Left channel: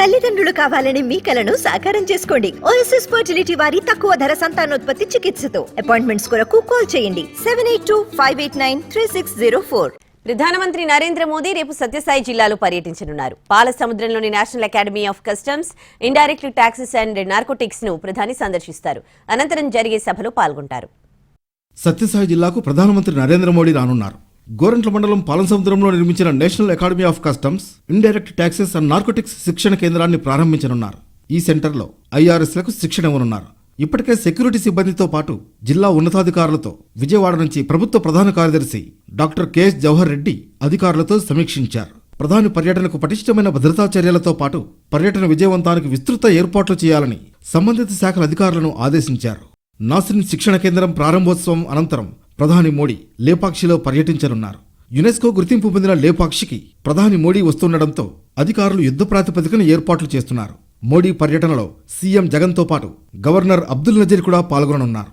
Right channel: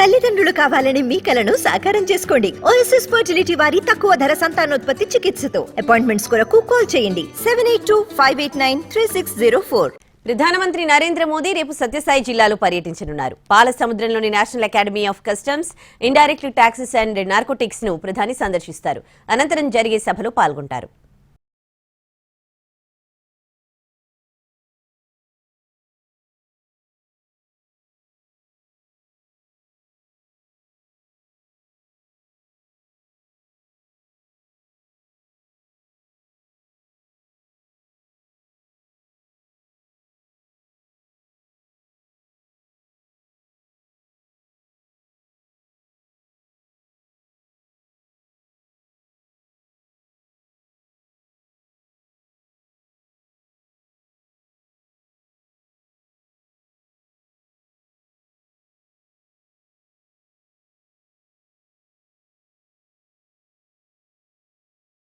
తల్లిదండ్రులు కావాలని మీ కలను సాకారం చేసుకోండి. ఓఎస్ఎస్ ఫర్టిలిటీ వారి తక్కువ ధర సంతానోత్పత్తి చికిత్సతో. అపాయింట్మెంట్స్ కొరకు కాల్ చేయండి. Seven eight two five eight nine three six zero four ప్రధానమంత్రి నరేంద్ర మోదీ రేపు సత్యసాయి జిల్లాలో పర్యటించనున్నారు. పాల సముద్రంలోని national academy of customs indirect taxes and నార్కోటిక్స్ను ప్రధాని సందర్శిస్తారు. అనంతరం జరిగే సభలో పాల్గొంటారు. సత్యసాయి జిల్లాకు ప్రధానమంత్రి నరేంద్ర మోడీ రానున్నారు. గోరంట్ల మండలం పాలసముద్రంలో నిర్మించిన national academy of customs indirect taxes and narcotics శిక్షణ కేంద్రాన్ని ప్రారంభించనున్నారు. ఈ సెంటర్లో ఐఆర్ఎస్లకు శిక్షణ ఇవ్వనున్నారు. ఇప్పటికే సెక్యూరిటీ సిబ్బందితో పాటు జిల్లా ఉన్నతాధికారులతో విజయవాడ నుంచి ప్రభుత్వ ప్రధాన కార్యదర్శి డాక్టర్ కెఎస్ జవహర్ రెడ్డి అధికారులతో సమీక్షించారు. ప్రధాని పర్యటనకు పటిష్టమైన భద్రతా చర్యలతో పాటు పర్యటన విజయవంతానికి విస్తృత ఏర్పాట్లు చేయాలని సంబంధిత శాఖల అధికారులను ఆదేశించారు. నాసిన్ శిక్షణ కేంద్రం ప్రారంభోత్సవం అనంతరం ప్రధాని మోడీ లేపాక్షిలో పర్యటించనున్నారు. యునెస్కో గుర్తింపు పొందిన లేపాక్షికి ప్రధాని మోడీ వస్తుండటంతో అధికారులు యుద్ధ ప్రాతిపదికన ఏర్పాట్లు చేస్తున్నారు. మోడీ పర్యటనలో సీఎం జగన్తో పాటు గవర్నర్ అబ్దుల్ నజీర్ కూడా పాల్గొననున్నారు.